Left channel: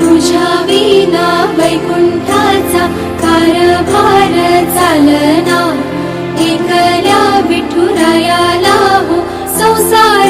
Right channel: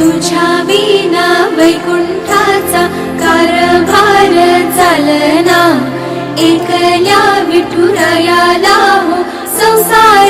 तुझ्या विना वैकुंठाचा कारभार चालना. एकल्या विठुरायाला हो संसार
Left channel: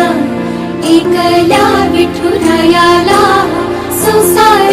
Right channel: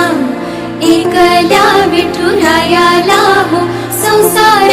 एकल्या विठुरायाला हो संसार